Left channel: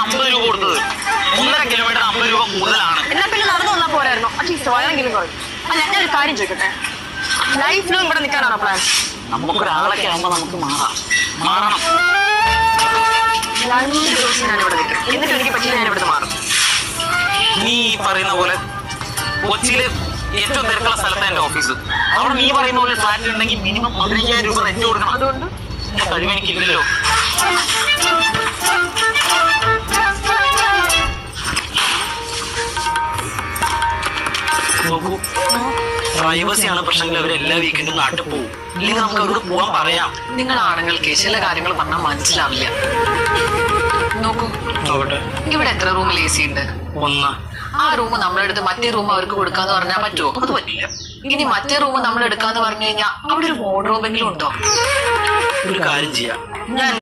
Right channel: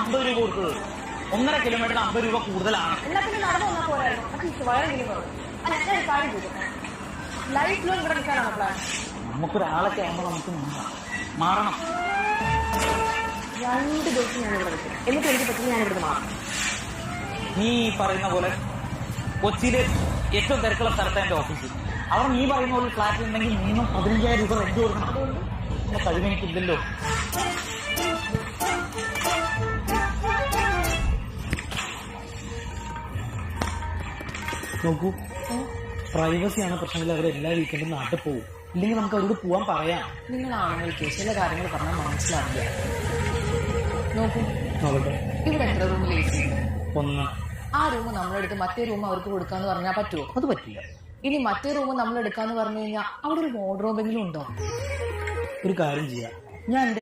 50 രൂപ കൊടുത്തത്. 1.5 കിലോമീറ്റർ 50 രൂപ കൂടുതലാണ്. നമുക്ക് ഒരാളൊക്കെ ആകുമ്പോൾ നമുക്ക് മാറണം. 2 ദിവസം ഞാനിവിടെ നിൽക്കും. എന്നിട്ട് എനിക്ക് പറ്റി ഞാനിവിടെ മാറും. നീ പറയുന്ന പോലെ കൊച്ചിയിലെ ഏറ്റവും തിരക്കുള്ള സ്ഥലത്തെ എന്റെ ഓഫീസ്. അവിടെ നീ പറയുന്ന പോലെ ഫ്ലാറ്റിലുണ്ടെങ്കിൽ മിനിമം 15,000 രൂപ റെന്റ് കൊടുക്കണം. അതുകൊണ്ട് കഴിവിക്കില്ലല്ലോ. നോക്കൂ, പ്രൈവസിയാണ് പ്രശ്നം. എല്ലാ വീക്കെൻഡും നാട്ടിൽ പോകും. ഇല്ലെങ്കിൽ നമുക്ക് അവിടെ പോവാൻ പറയാം. നിങ്ങളാണെങ്കിൽ ചില കാര്യങ്ങൾ പറഞ്ഞാൽ മനസ്സിലാവില്ല. നോക്കൂ, ഇവിടെ എത്ര റൂമിൽ AC ഉണ്ട്? 1. ആ റൂം നമ്മളെടുത്ത് മറ്റേ റൂം അവർക്ക് കൊടുക്കാന്ന് പറഞ്ഞാൽ പറ്റുമോ? അത് പറ്റില്ല. ഇനി മറ്റേ റൂം നമ്മൾ എടുക്കാന്ന് പറഞ്ഞു കഴിഞ്ഞാൽ അവിടെ ഒരു വാർഡ്രോബെങ്കിലും ഉണ്ടോ? ഒരു കാര്യം ചെയ്യാം.